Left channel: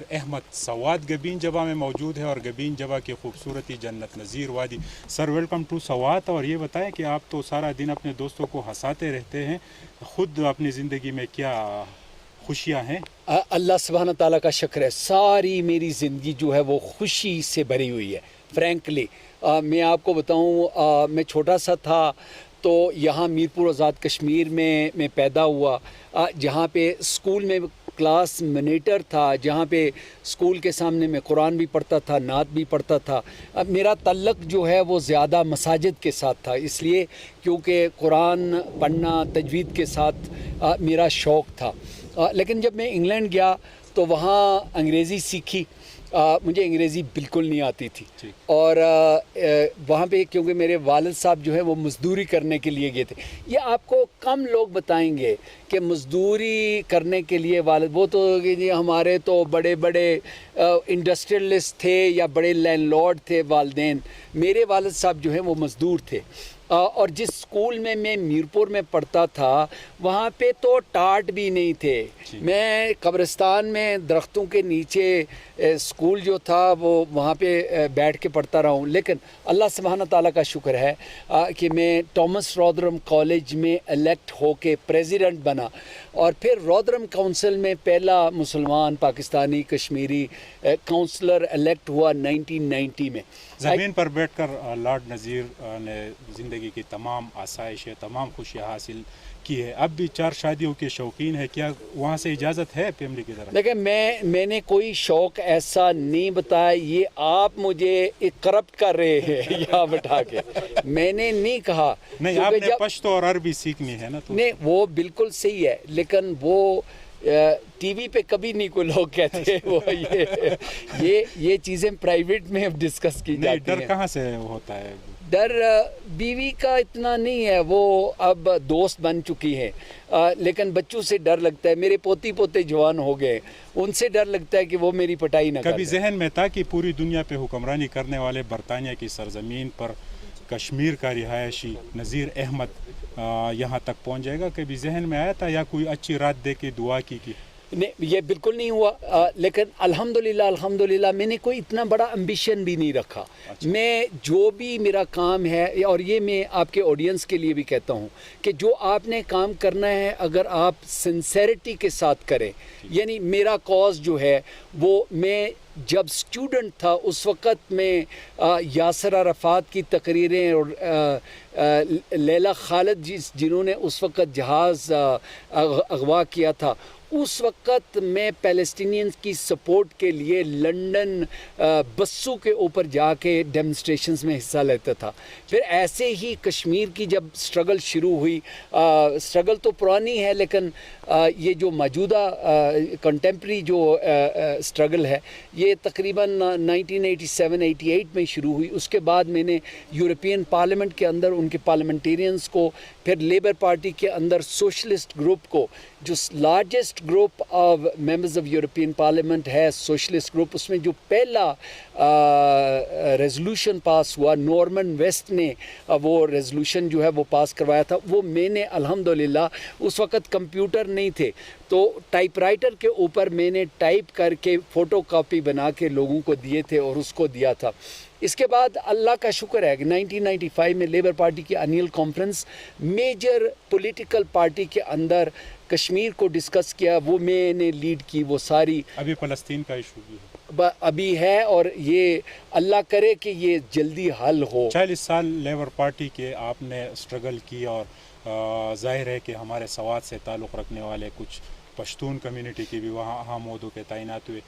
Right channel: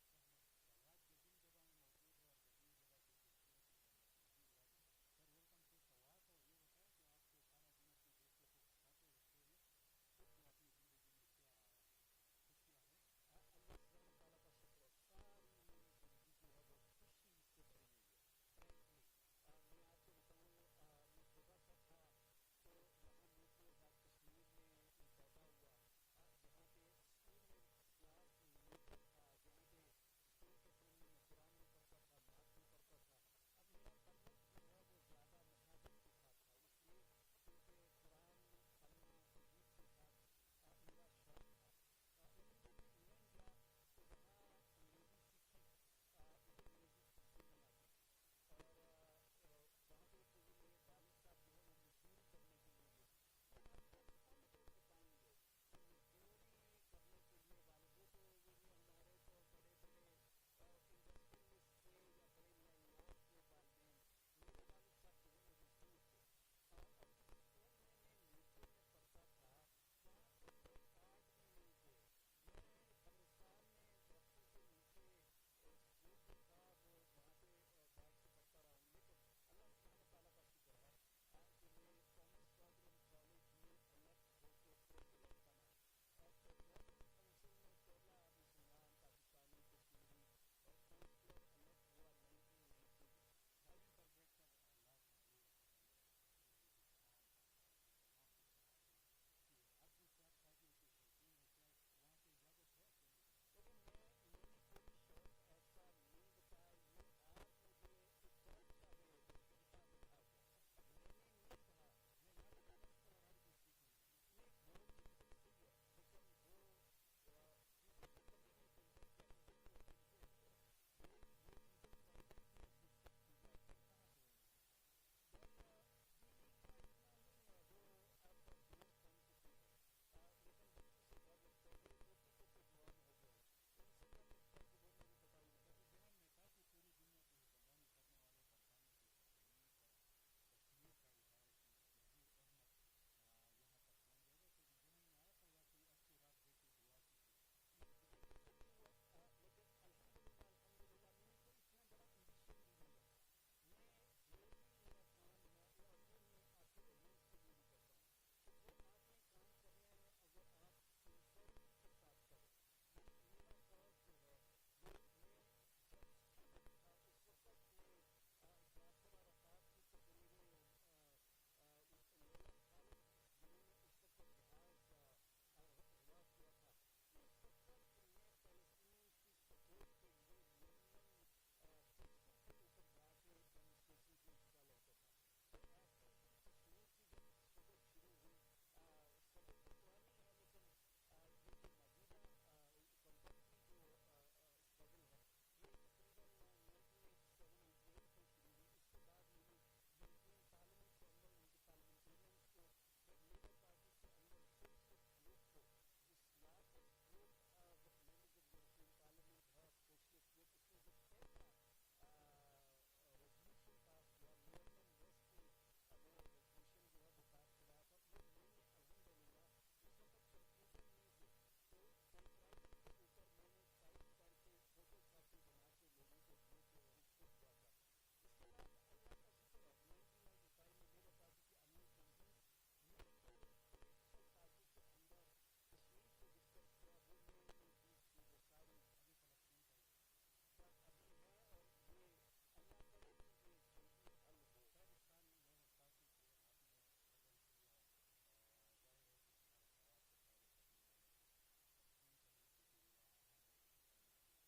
نذیر احمد سوات گبین جبہ میں موجود ہے، اور گبین جبہ کی خوبصورتی جنت نظیر وادی. Sir welcome to Swat. اور یہ بتائیں کہ آپ تو سارا دن اپنے دوستوں کو ہنساتے رہتے ہیں، خود اپنی زندگی میں کیا خوشیاں ہیں؟ اللہ سبحانہ تعالیٰ کا شکر ہے، ساری میری زندگی جو ہے وہ خوشی سے بھری ہوئی ہے. فرینکلی میں آپ کو بتاؤں، میں چھوٹا سا تھا تو یہاں میرپور آزاد کشمیر میں پیدا ہوا، جہاں پہ اسکول میں کلاس منیٹر تھا، جہاں پہ اسکول کے سامنے میں قرآن بھی پڑھتا تھا، نعت بھی پڑھتا تھا. میرا تعلق جو ہے وہ زیادہ مساجد کے ساتھ تھا، اس لیے کیونکہ قرآن پڑھنا تجوید کے ساتھ میرا شوق تھا. لیکن جب میں انگلینڈ گیا تو وہاں انگریزی سیکھی. مجھے انگریزی بالکل نہیں آتی تھی، اور وہاں پہ کیونکہ میرے والد صاحب جو ہے وہ مزدوری کرنے کے لیے گئے تھے. یہ آپ کو کم لوگ بتائیں گے کہ مزدوری کرنے کے لیے والد، وہ تو ہمارے تو بڑے بڑے انڈسٹریلسٹ تھے یا بڑے لینڈ لارڈ تھے والدین. میرے والد صاحب جو ہیں وہ مزدور تھے. اور جس اسکول میں میرپور میں پڑھتا تھا وہاں پہ تو ٹاٹ بھی نہیں تھے. میں قبرستان میں درختوں کے نیچے اسکول جو تھا وہ وہاں پہ بیٹھ کے پڑھتا رہا ہوں. لیکن اللہ سبحانہ تعالیٰ کا شکر ہے کہ میں ٹامس رودرم کالج میں الیکٹ ہو کے پریزیڈنٹ بنا، اور پھر رودرم کونسل میں پہلا مسلمان پاکستانی کشمیری کونسلر الیکٹ ہوا 1990 میں. زمین پر بیٹھ کر لارڈ نذیر نے زندگی کی تمام آسائشیں، تمام خوشیاں حاصل کی ہے. اب بھی 4 شادیوں کے شوقین ہے، کیا وہاں سے اجازت ہے فیملی کی طرف؟ دیکھیں میں نے کوئی شوق ایسا نہیں بتایا، یہ آپ مجھے کرپٹ کر رہے ہیں یہاں بٹھا کے. میں نے نہیں کہا، نہیں، آپ نے پشتو اور عربی سیکھنی ہے نا. تو نہیں، وہ بالکل صحیح ہے، لیکن وہ ٹی وی پہ کبھی نہیں کوئی لوگ کہتے وہ یہ چیزیں پرائیویٹ میں ڈسکس کی جاتی ہیں. ڈر کہاں سے ہوتا ہے؟ ڈر بیوی کا اتنا نہیں ہے، وہ اب دوست بن چکی ہے، لیکن بچوں سے ڈر لگتا ہے. میرے پوتے جوان ہو گئے، ان سے ڈر لگتا ہے کہ وہ میری پٹائی نہ کریں. کبھی ذہن میں تھا کہ پوری دنیا پہ حکمرانی کرنے والے برطانیہ کی سرزمین پر کشمیر کا رہائشی نذیر احمد یہاں تک پہنچ جائے گا؟ کبھی ذہن میں آیا تھا یا کوئی اچھی رات دے کے دعا کی؟ نہیں، یہ بالکل نہیں ہوا. لیکن الحمدللہ میں نے کوئی اتنا بڑا امبیشن بھی نہیں رکھا. میں جو بھی میرا کام ہے، اور یہ میں آپ کے آڈینس کے لیے بھی کہتا ہوں کہ جو آپ نے کام کرنا ہے اگر آپ سنسیریٹی کے ساتھ کریں، یعنی میرا کاز جو ہے وہ، میں جب اسٹوڈنٹ تھا اس وقت میں یاسر عرفات کی تقریریں اور لیلا خالد جنہوں نے اس وقت جہاز اغوا کیا تھا، اس وقت میں پیلسٹینینز کی سپورٹ کے لیے لنڈن بسوں کے اوپر جا کے ڈیمونسٹریشنز میں حصہ لیتا تھا. پھر ایسے ہی کشمیر کی جب سٹرگل شروع ہوئی، سٹرگل تو پرانی ہے لیکن یہ جو موجودہ کنٹمپری جو سٹرگل ہے یہ تقریباً 1987-88 میں شروع ہوئی. اس کے بعد میں نے یورپین پارلیمنٹ کے اندر ان کے پارلیمنٹیرینز کو، پھر لیبر پارٹی کے اندر سوشلسٹ گروپ کو، جو largest group of members of European parliament ہے سوشلسٹ گروپ، اس میں جو پہلا ریزولوشن پاس ہوا، نارمن ویسٹ نے وہ ریزولوشن جو ہے وہ پاس کروایا تھا، وہ میں نے الحمدللہ، اس وقت کمپیوٹر نہیں تھے تو ٹائپ رائٹر کے اوپر میں نے ٹائپ کر کے فوٹو کاپی بنا کے لوگوں کو دیے تھے اور اس کو دیا تھا. اس کے بعد اللہ کا شکر ہے کہ 1995 میں لیبر پارٹی کی annual conference, major political party کے اندر کشمیر کو ڈسکس کیا، وہ میں نے لیڈ کی. وہ ساری ابھی فلسطین کا ایشو بھی ابھی ہے، اور یہ اللہ کرے کہ یہ جلدی حل ہو. 40 سال لیبر پارٹی کے آپ نے اسٹرگل کی، اور ظاہر ہے کہ ہمارے سوات سے تعلق رکھنے والے کچھ پشتون کمیونٹی کے بھی وہاں اہم عہدوں کے تعینات ہوئے.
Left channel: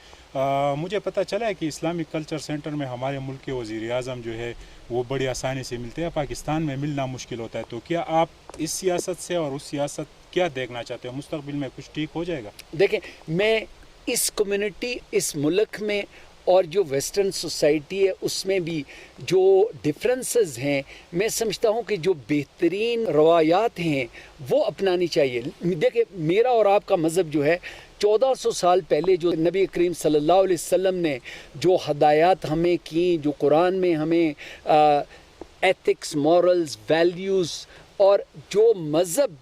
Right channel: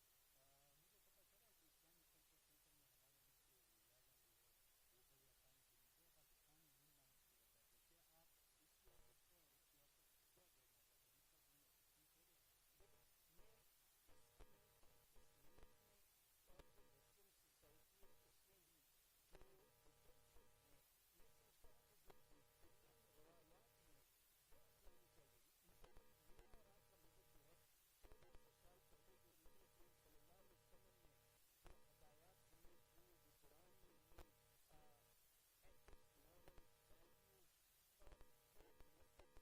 مجھے پتہ چلا ہے کہ اسلامک کلچر سینٹر میں ہمارے ملک کے وزیر اعظم جو ہے وہ بڑی آسانی سے ملتے ہیں، پاکستان میں ملنا مشکل ہوتا ہے. تو کیا آپ اس سیاست سے اور اس سیاست کیا دیکھنا چاہتے ہیں؟ مستقبل میں کچھ ٹھیک ہو جائے گا؟ دیکھیں، میں اس کمیونٹی، اس ملک میں اور جو ویسٹرن سوسائٹی ہے اس میں بھی جو ڈفرینسز ہیں، میں سمجھتا ہوں کہ جو بہترین روایات ہیں وہ اپنانی چاہیے. دیکھیں، میرا اور آپ کا مذہب جو ہے 1400 سال پہلے جو نبی کریم صلی اللہ علیہ وسلم نے جو ہدایات ہمیں کی، جو قرآن میں ہمیں ایتھکس، مورلز، ویلیوز، اور جو مذہب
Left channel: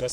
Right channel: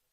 10